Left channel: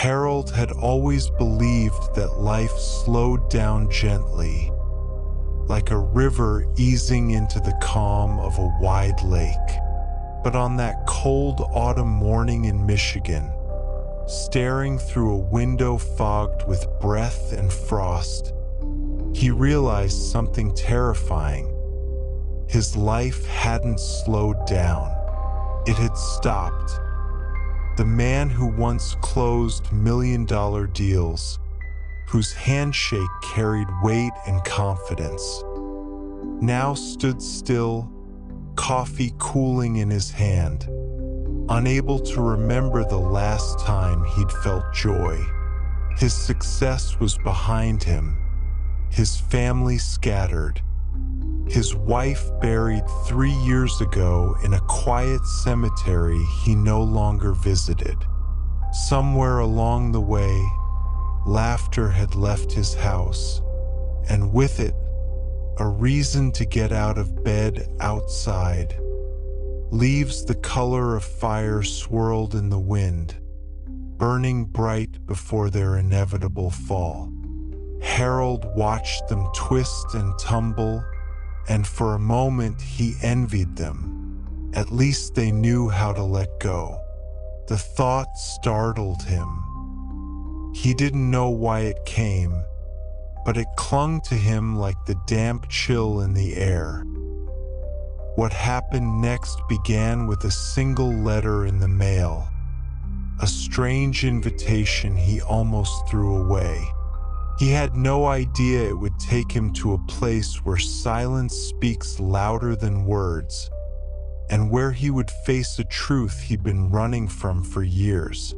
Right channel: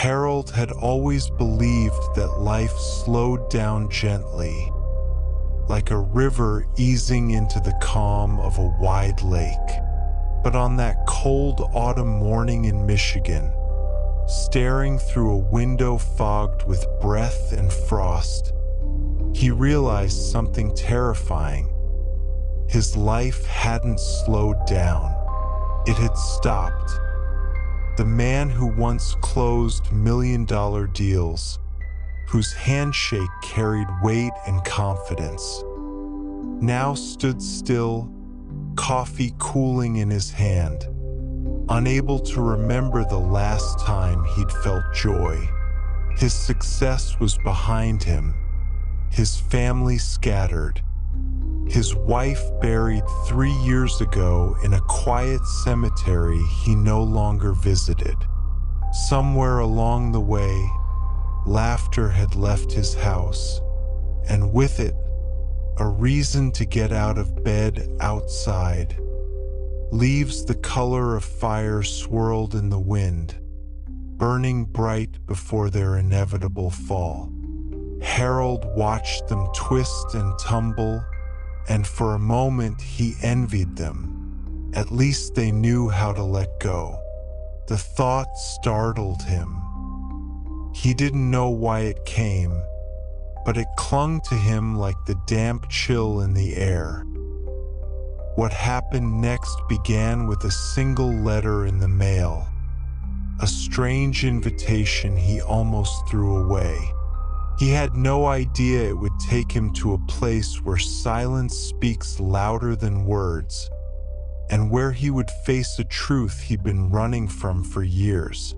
Harold had always believed that life slowed down gently, like a river easing into the calm of a wide lake. But on that cold autumn morning in Michigan, staring through a window fogged with breath and frost, he realized something terrifying. His life hadn't slowed down. It had stopped. The man who once closed million-dollar deals, whose handshake carried weight and confidence, now stood still, coffee cooling in his hand, unable to remember the last time he'd felt joy. His success was behind him, his family scattered, his wife buried 3 years ago in a quiet cemetery he no longer visited. Somewhere along the way, laughter had left his house, and with it, a reason to get out of bed outside. Leaves the color of fire swirled in the wind, burning bright before their inevitable fall. Harold watched them twist and tumble, and for a moment he envied them. At least they knew how to let go. The thought startled him. He didn't know why it came, but it clung to him like the damp chill in the air. What happened next began with a single letter in the mail, a strange invitation he almost threw away. He had no idea it would take him to a place where silence speaks louder than words, and where he would face a truth he'd been running from for years.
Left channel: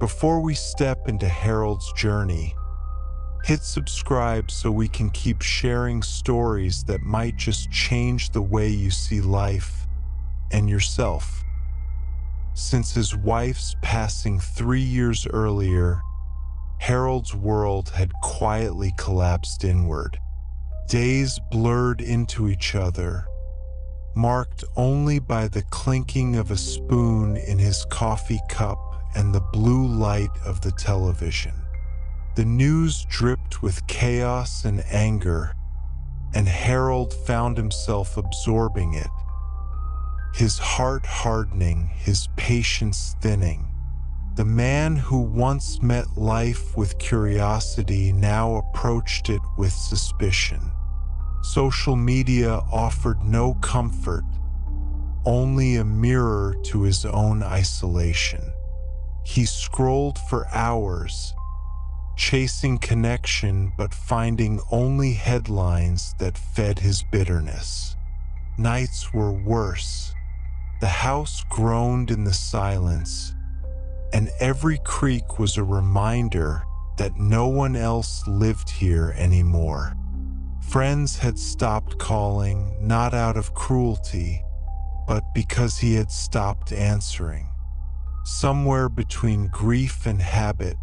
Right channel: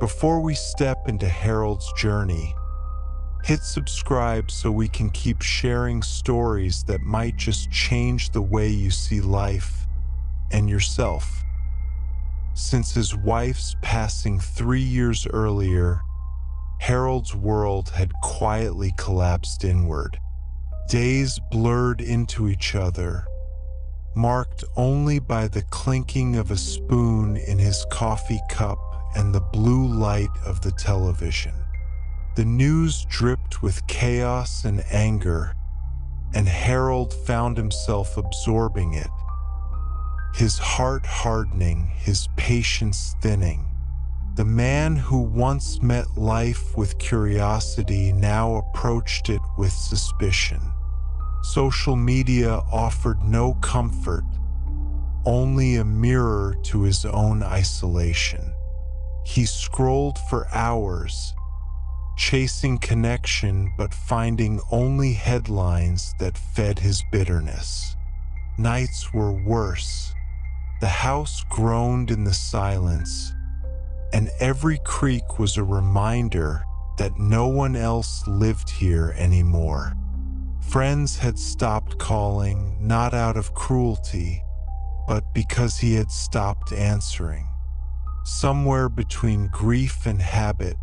Before we step into Harold's journey, hit subscribe so we can keep sharing stories that might just change the way you see life and yourself. Since his wife's passing 3 years earlier, Harold's world had quietly collapsed inward. Days blurred into each other, marked only by the clinking of a spoon in his coffee cup and the blue light of the television. The news dripped with chaos and anger, and Harold found himself absorbing it, his heart hardening, his patience thinning. The man who once met life with curiosity now approached it with suspicion. Social media offered no comfort, only a mirror to his own isolation. He scrolled for hours, chasing connection but finding only headlines that fed his bitterness. Nights were worse. The house groaned in the silence, and every creak was a reminder that no one else lived here anymore. Friends had stopped calling, not out of cruelty, but because he had stopped answering. Somewhere between grief and habit,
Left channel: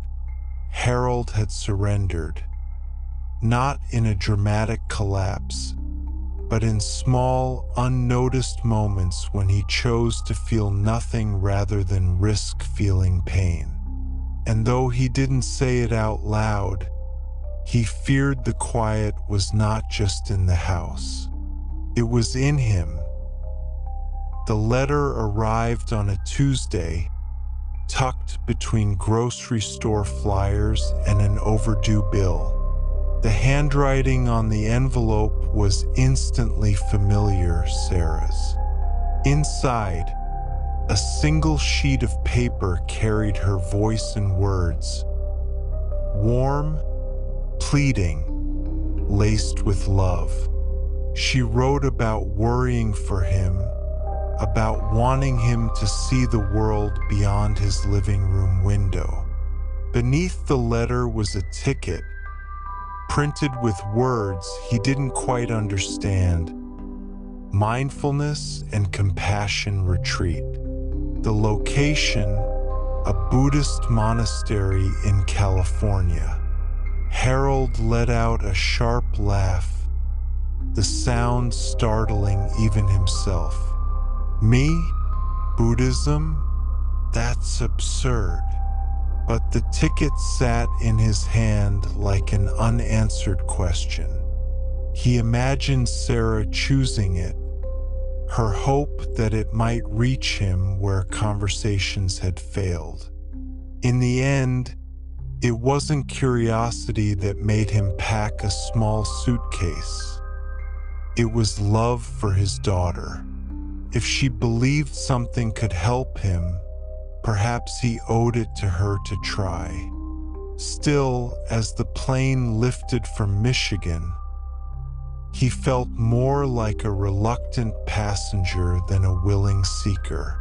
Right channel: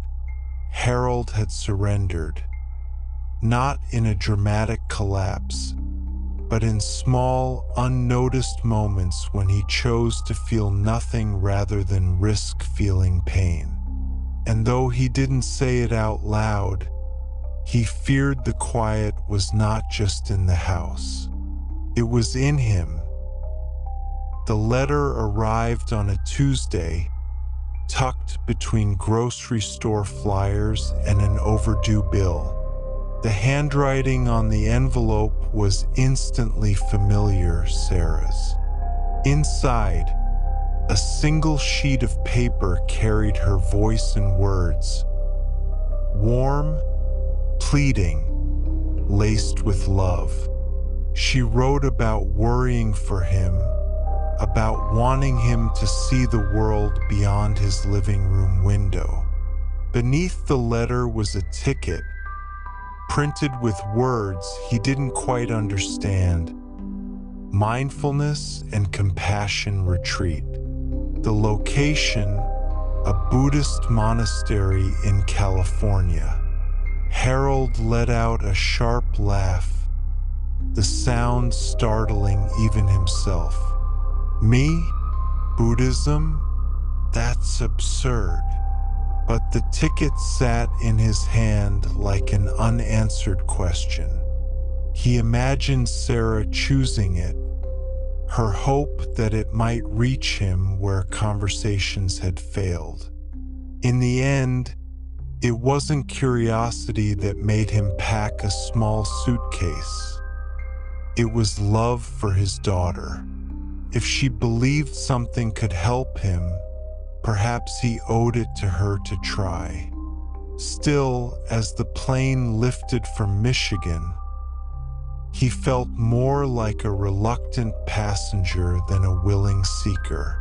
Harold had surrendered, not in a dramatic collapse, but in small, unnoticed moments when he chose to feel nothing rather than risk feeling pain. And though he didn't say it out loud, he feared the quiet was not just in the house. It was in him. The letter arrived on a Tuesday, tucked between grocery store flyers and an overdue bill. The handwriting on the envelope was instantly familiar, Sarah's. Inside, a single sheet of paper carried her voice and words. Warm, pleading, laced with love. She wrote about worrying for him, about wanting him to see the world beyond his living room window. Beneath the letter was a ticket, printed with words he didn't quite understand. Mindfulness and Compassion Retreat. The location, a Buddhist monastery in California. Harold let out a sharp laugh, the sound startling even himself. Me? Buddhism? That's absurd. but the ticket sat in his hand like an unanswered question. He imagined Sarah choosing it, her hope that it might reach him where conversations had failed. In the end, it wasn't curiosity that made him pack a small suitcase. It was love for his daughter. If she believed something could help him, perhaps he owed it to her to try. Still, as the plane lifted from Michigan, he felt more like a reluctant passenger than a willing seeker.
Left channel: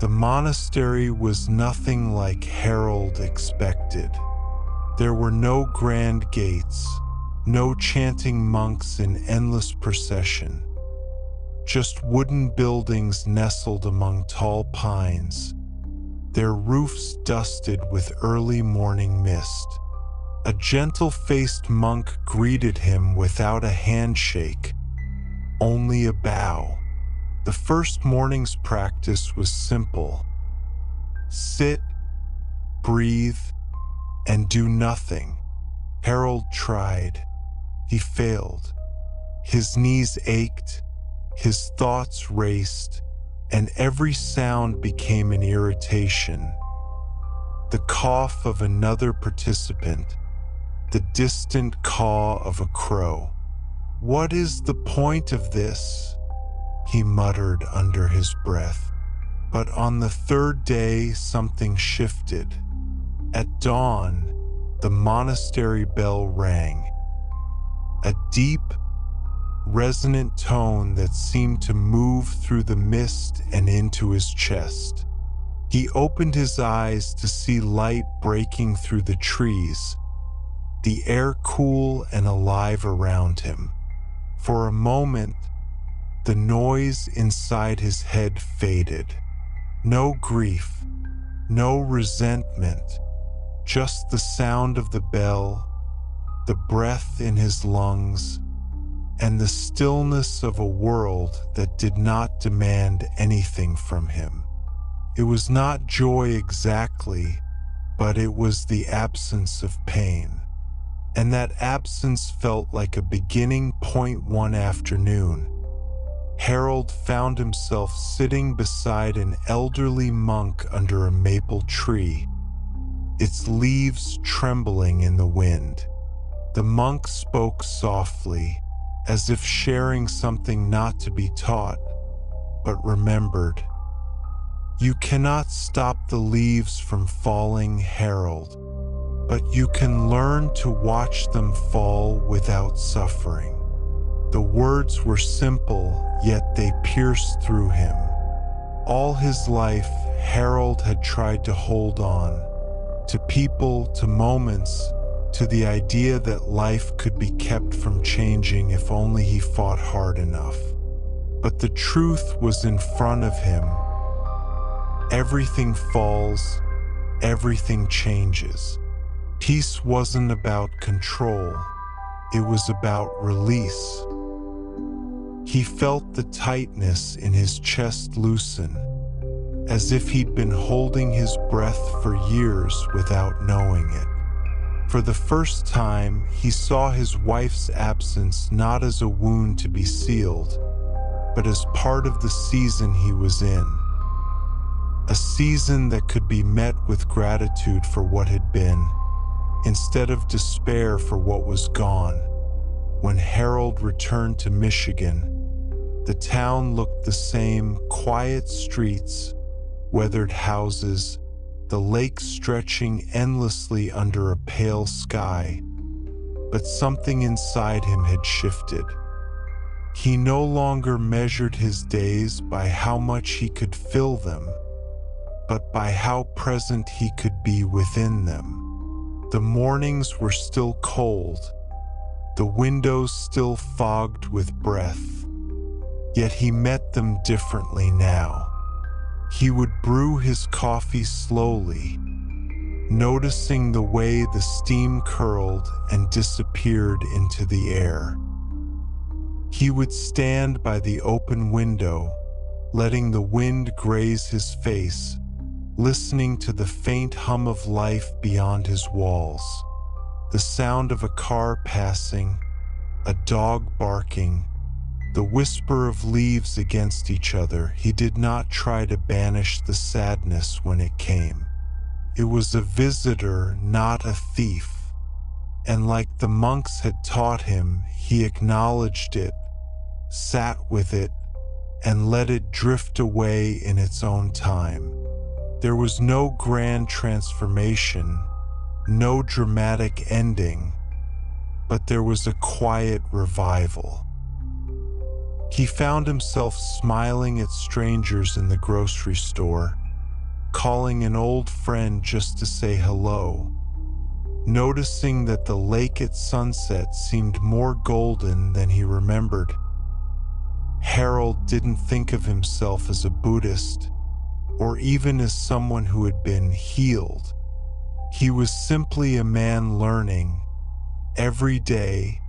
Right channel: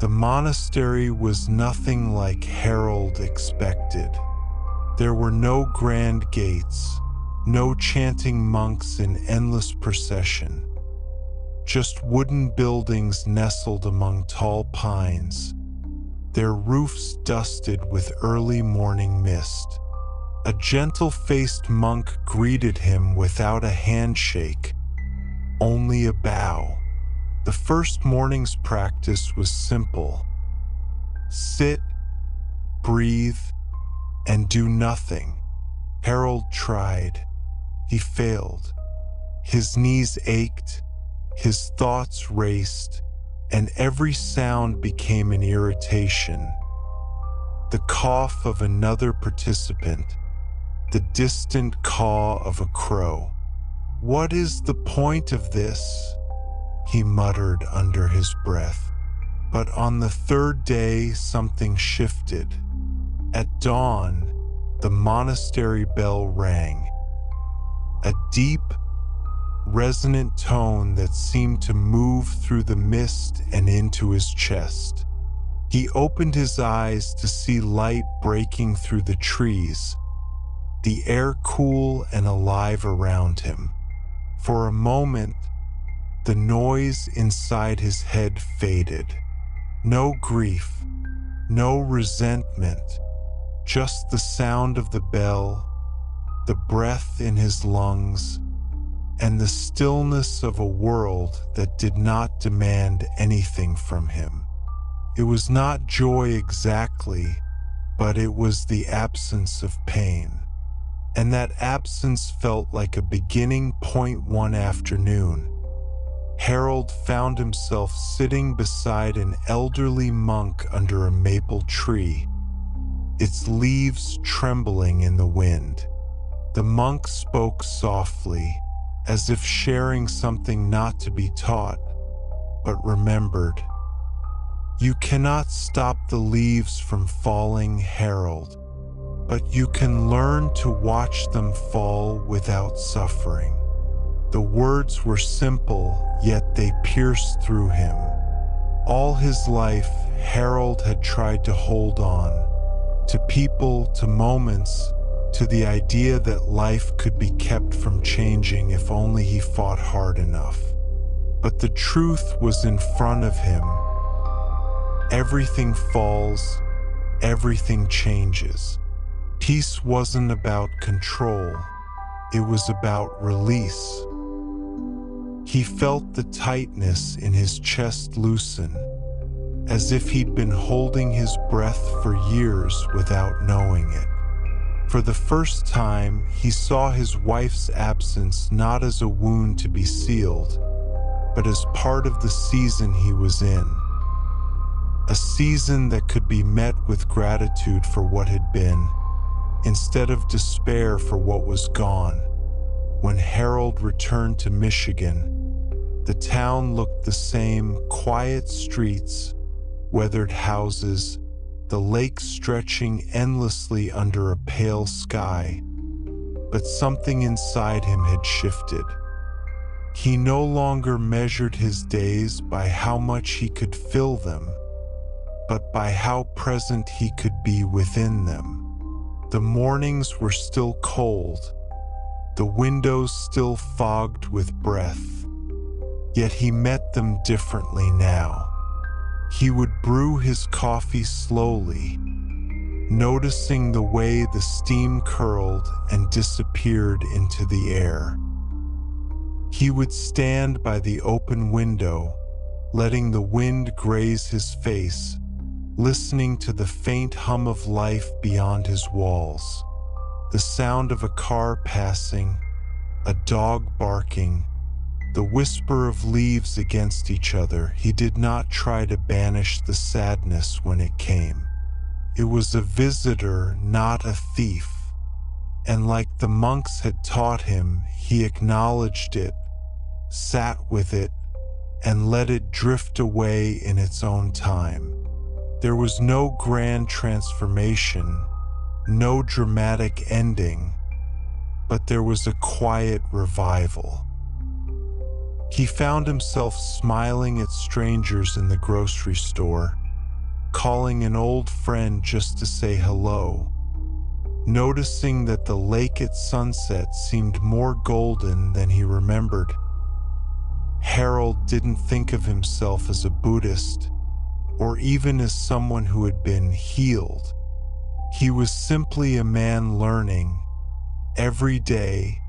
The monastery was nothing like Harold expected. There were no grand gates, no chanting monks in endless procession, just wooden buildings nestled among tall pines, their roofs dusted with early morning mist. A gentle-faced monk greeted him without a handshake, only a bow. The first morning's practice was simple. Sit, breathe, and do nothing. Harold tried. He failed. His knees ached, his thoughts raced, and every sound became an irritation. The cough of another participant, the distant caw of a crow. "What is the point of this?" he muttered under his breath. But on the third day, something shifted. At dawn, the monastery bell rang. A deep, resonant tone that seemed to move through the mist and into his chest. He opened his eyes to see light breaking through the trees, the air cool and alive around him. For a moment, the noise inside his head faded. No grief, no resentment, just the sound of the bell, the breath in his lungs, and the stillness of a world that did not demand anything from him. It was not joy exactly, but it was the absence of pain. And that absence felt like a beginning point. One afternoon, Harold found himself sitting beside an elderly monk under a maple tree, its leaves trembling in the wind. The monk spoke softly, as if sharing something not to be taught, but remembered. "You cannot stop the leaves from falling, Harold, but you can learn to watch them fall without suffering." The words were simple, yet they pierced through him. All his life, Harold had tried to hold on, to people, to moments, to the idea that life could be kept from changing if only he fought hard enough. But the truth was in front of him. Everything falls, everything changes. Peace wasn't about control, it was about release. He felt the tightness in his chest loosen, as if he'd been holding his breath for years without knowing it. For the first time, he saw his wife's absence not as a wound to be sealed, but as part of the season he was in. A season that could be met with gratitude for what had been, instead of despair for what was gone. When Harold returned to Michigan, the town looked the same: quiet streets, weathered houses, the lake stretching endlessly under a pale sky. But something inside him had shifted. He no longer measured his days by how much he could fill them, but by how present he could be within them. The mornings were still cold, the windows still fogged with breath, yet he met them differently now. He would brew his coffee slowly, noticing the way the steam curled and disappeared into the air. He would stand by the open window, letting the wind graze his face, listening to the faint hum of life beyond his walls, the sound of a car passing, a dog barking, the whisper of leaves against each other. He did not try to banish the sadness when it came. It was a visitor, not a thief. And like the monks had taught him, he acknowledged it, sat with it, and let it drift away in its own time. There was no grand transformation, no dramatic ending, but there was a quiet revival. He found himself smiling at strangers in the grocery store, calling an old friend just to say hello, noticing that the lake at sunset seemed more golden than he remembered. Harold didn't think of himself as a Buddhist, or even as someone who had been healed. He was simply a man learning, every day,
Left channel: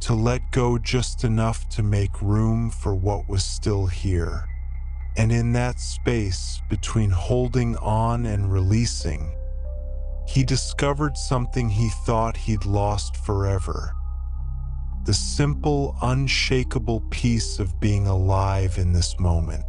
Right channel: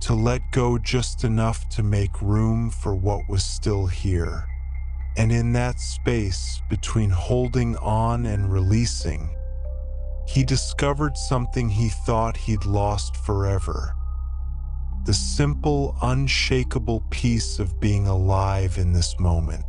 to let go just enough to make room for what was still here. And in that space between holding on and releasing, he discovered something he thought he'd lost forever: the simple, unshakable peace of being alive in this moment.